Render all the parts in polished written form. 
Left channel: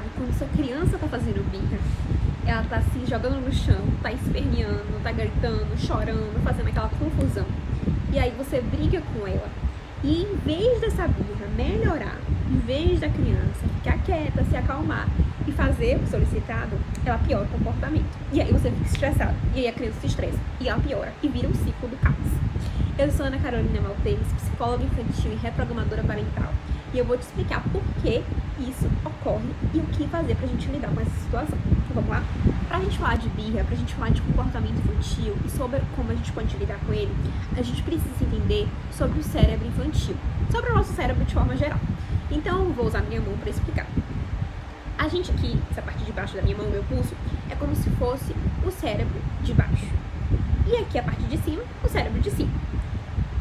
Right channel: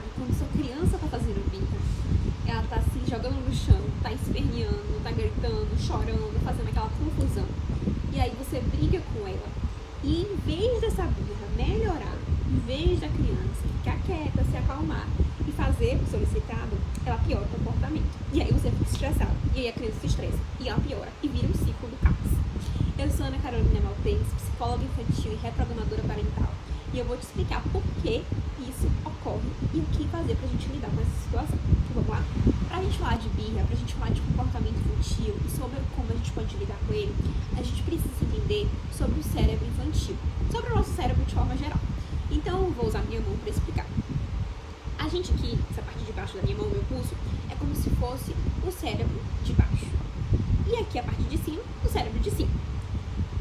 sabe quando sua criança tá fazendo birra, ela tá se jogando no chão, tá esperneando, tá gritando, chorando, fazendo aquela confusão. E aí você briga com ela. E em vez dessa birra melhorar, em vez da criança ficar quieta, se acalmar e fazer o solicitado, ela piora o comportamento. E aí você fica estressado. E aí a criança se estressa. E ela piora. E vira um ciclo do caos. Eu sou Ana Carolina Maltês, psicóloga infantil e reprogramadora parental. E eu vou te explicar por que isso ocorre e o que fazer pra gente lidar com essa situação. Então vamos lá? Pra gente falar de birra, pra gente falar de comportamento infantil e sobre como a gente pode lidar com ele, a gente precisa entender sobre o cérebro infantil, sobre o nosso cérebro de forma geral. Então eu vou usar minha mão pra explicar. A gente aqui, essa parte de baixo da minha mão, meu pulso, é como se fosse o cérebro de baixo. E aqui a parte de cima, o cérebro de cima.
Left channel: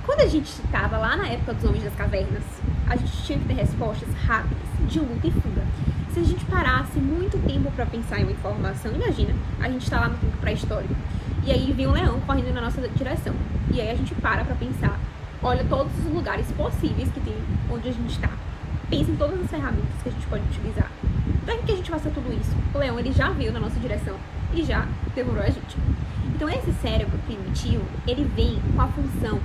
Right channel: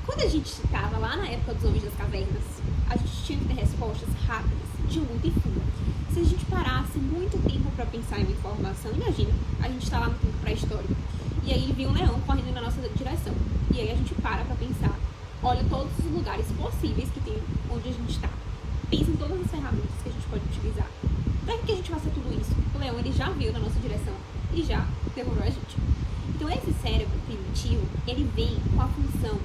Quando a gente estava lá na época dos homens das cavernas, a gente tinha que ter respostas rápidas, de luta e fuga. Se a gente parasse muito tempo para pensar em uma informação, imagina, a gente está lá no tempo pré-histórico, e aí vem um leão correndo na nossa direção. E aí a gente para pensar, olha todos os lugares possíveis que tem onde a gente está. Pensa em todas as ferramentas que a gente pode utilizar. Para que a gente faça tudo isso? O leão ele já veio na nossa direção e já devorou a gente. Então esse cérebro primitivo, ele vem com a função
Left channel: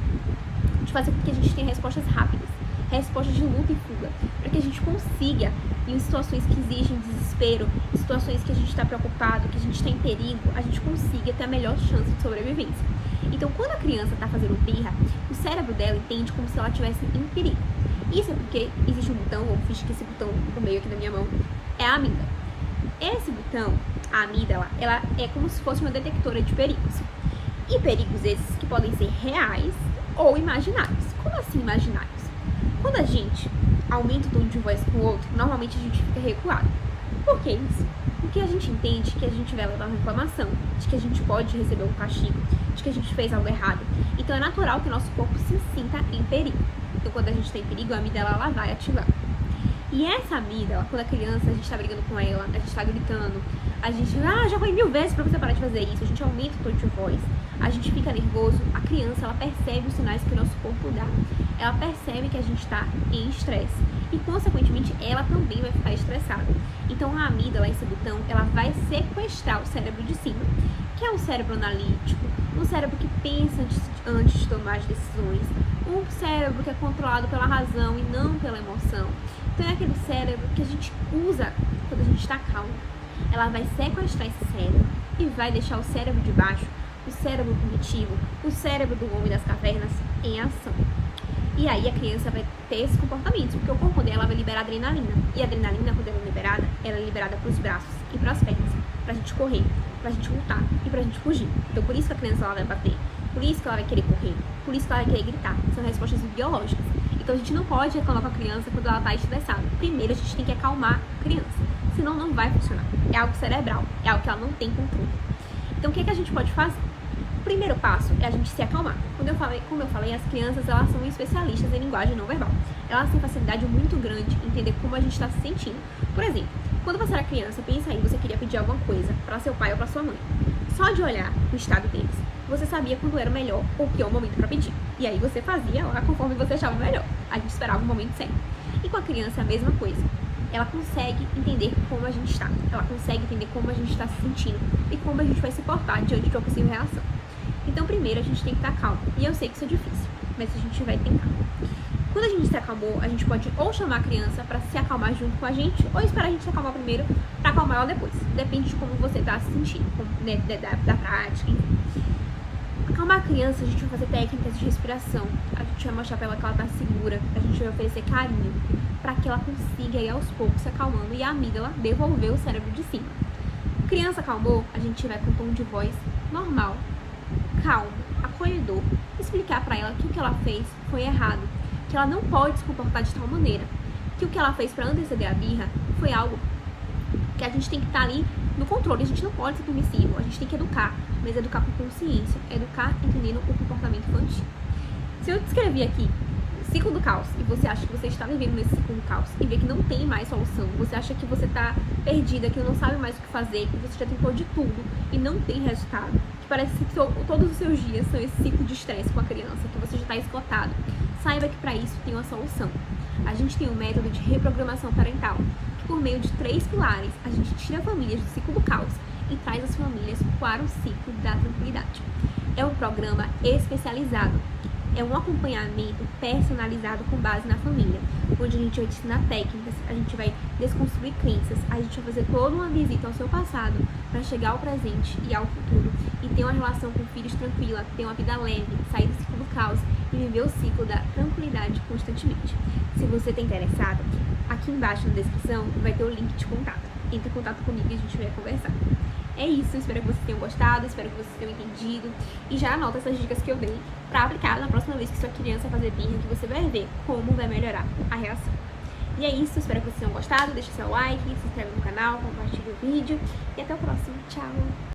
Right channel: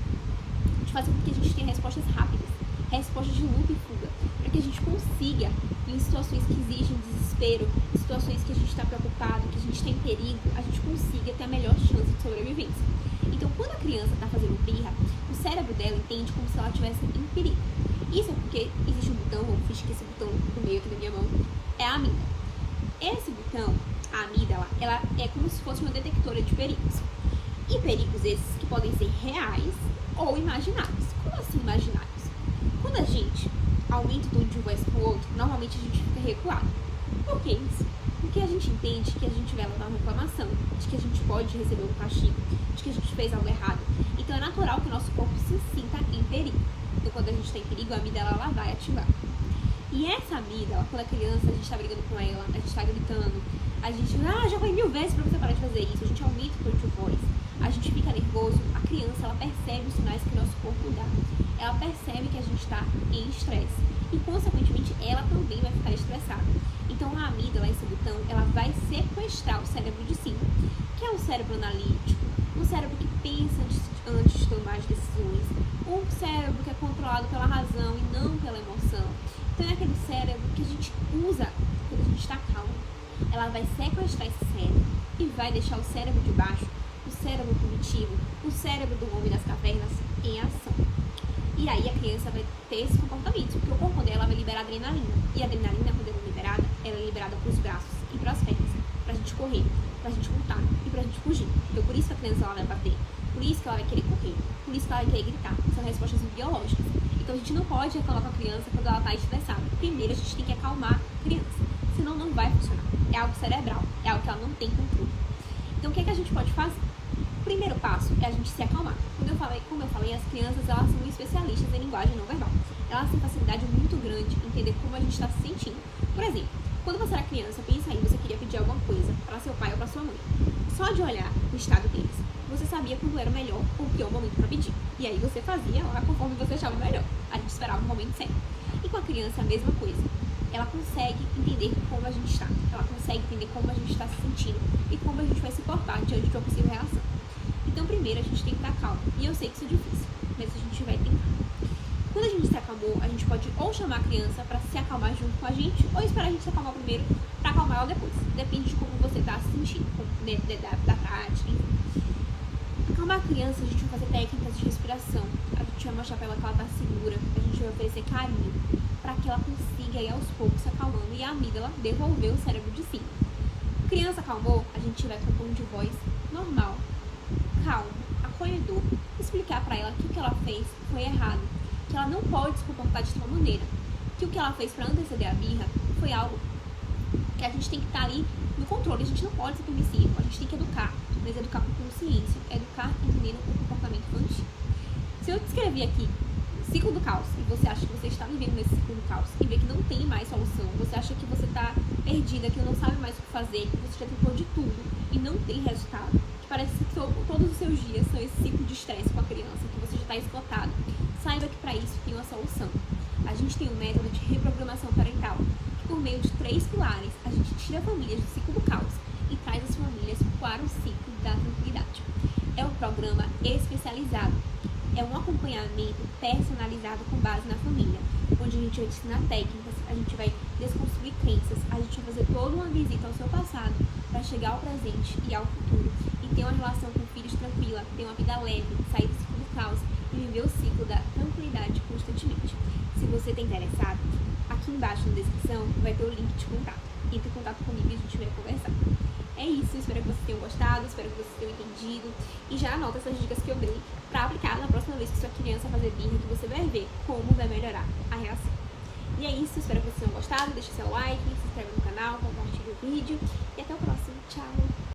de fazer com que a gente tenha respostas rápidas, respostas de luta e fuga, para que a gente consiga, em situações que exigem desespero, em situações que a gente está preocupado, que a gente está em perigo, a gente consiga ter a melhor chance de sobrevivência. Então, quando a criança está fazendo birra, o cérebro dela entende como se ela estivesse em perigo. Isso é porque existe um botão, vamos fingir que esse botão do meio aqui da minha mão é a amígdala. Esse botão, a amígdala, ela é como se fosse uma detectora de perigos. E perigos esses que podem ser reais ou imaginários. Como assim imaginários? Quando a gente aumenta o tom de voz com o outro, normalmente a gente fica recuado. Por que isso? Porque a gente entende que a gente vai levar uma reclamação, de que a gente pode receber um castigo, de que a gente fez algo errado. Então é natural que o nosso corpo se sinta em perigo. Então quando a gente está em perigo, a amígdala ela vai ativar. E essa amígdala, quando a criança, a gente está brigando com ela, a gente está gritando, a gente, já falei 1000 vezes pra você parar de fazer isso, a gente aumenta o tom de voz, a gente fica nervoso, a criança, ela percebe os sinais que o nosso corpo dá. Ela percebe que a gente está em estresse. E, consequentemente, ela também vai ficar estressada. Então, a amígdala, esse botão, ela vai sequestrar o cérebro de cima, que é um cérebro analítico, um cérebro que pensa antes de tomar as decisões, um cérebro que é controlado pela razão e não pela emoção. Então, é aquele cérebro que a gente usa quando a gente está calmo. Ela vai sequestrar esse cérebro e vai deixar o cérebro de baixo, o cérebro primitivo, o cérebro do homem das cavernas, em ação. E aí a criança vai ter esse comportamento, porque o corpo dela vai liberar adrenalina. E a adrenalina, quando ela é liberada para os braços e para as pernas, pra gente correr, pra gente lutar e pra gente fugir. Então por isso que a criança ela vai bater, por isso que ela vai querer correr, por isso que ela vai querer gritar. São respostas biológicas. Então a gente não pode reclamar com a criança quando ela está estressada. Primeiro a gente tem que acalmar a criança, senão não vai funcionar. É algo cerebral, é algo que ela não tem controle. Então o que é que a gente pode fazer? O primeiro passo é a gente se acalmar. Como eu falei, as crianças elas são especialistas em linguagem não verbal. Elas têm facilidade muito grande em entender como a gente está se sentindo. Por exemplo, quando você era criança, pensa aí, você queria pedir alguma coisa para seu pai ou para sua mãe. Só de olhar o estado deles, você sabia quando era o melhor ou pior momento para pedir. E aí você fazia lá conforme você achava melhor. A gente esperava o momento certo. E com a criança é a mesma coisa. Ela consegue entender como a gente está. Ela consegue entender como a gente está se sentindo e como a gente vai se portar diante de uma possível reação. Então, primeiro, a gente tem que estar calmo. E eu sei que isso é difícil, mas a gente vai tentar. Quando a gente se acalmou, a gente pode ou chamar a criança para se acalmar junto com a gente, ou esperar a gente se acalmar primeiro para acalmar ela depois. Depende de como você está se sentindo, da prática, enfim. Acalmar a criança, a gente vai fazer técnicas de respiração. A gente vai mostrar para ela que ela está segura. A gente vai oferecer carinho para que ela consiga ir aos poucos se acalmando e a amígdala devolver o cérebro de cima. Criança acalmou, a gente vai com um tom de voz normal, calmo, acolhedor, explicar para ela que o que ela fez foi errado, que ela não pode se comportar de tal maneira, que o que ela fez para anteceder a birra foi algo que a gente tem que estar ali no controle, a gente não pode ser permissivo, a gente tem que educar, mas educar com consciência, educar entendendo o comportamento infantil. Se eu descrevi aqui o ciclo do caos e você acha que você está vivendo nesse ciclo do caos e vê que não tem mais solução, você acha que você está perdida, que não sabe mais o que fazer, que você já tentou de tudo e não tem resultado, que parece que todos os seus dias são esse ciclo de estresse com a criança, que você já está esgotado, saiba que para isso tem uma solução. A gente tem um método de reprogramação parental, que por meio de 3 pilares, a gente tira famílias do ciclo do caos e traz as famílias para o ciclo da tranquilidade. É um programa especializado, é um acompanhamento personalizado com base na família, onde a gente vai te ensinar técnicas, a gente vai desconstruir crenças, a gente vai fazer toda uma visita ao seu passado para chegar ao presente e ao futuro e ter uma relação com filhos tranquila, ter uma vida leve, sair do ciclo do caos e viver o ciclo da tranquilidade constantemente. Se você está interessado, aqui embaixo na descrição vai ter o link de contato. Entre em contato comigo e a gente vai conversar. É isso, espero que vocês tenham gostado, espero que vocês tenham entendido e já anota essas dicas que eu dei para aplicar na próxima vez que sua criança fazer birra, que você vai ver como vai melhorar a reação. E é isso, espero que vocês tenham gostado, deixe seu like, se inscreve no canal, compartilhe o vídeo e até o próximo. Tchau!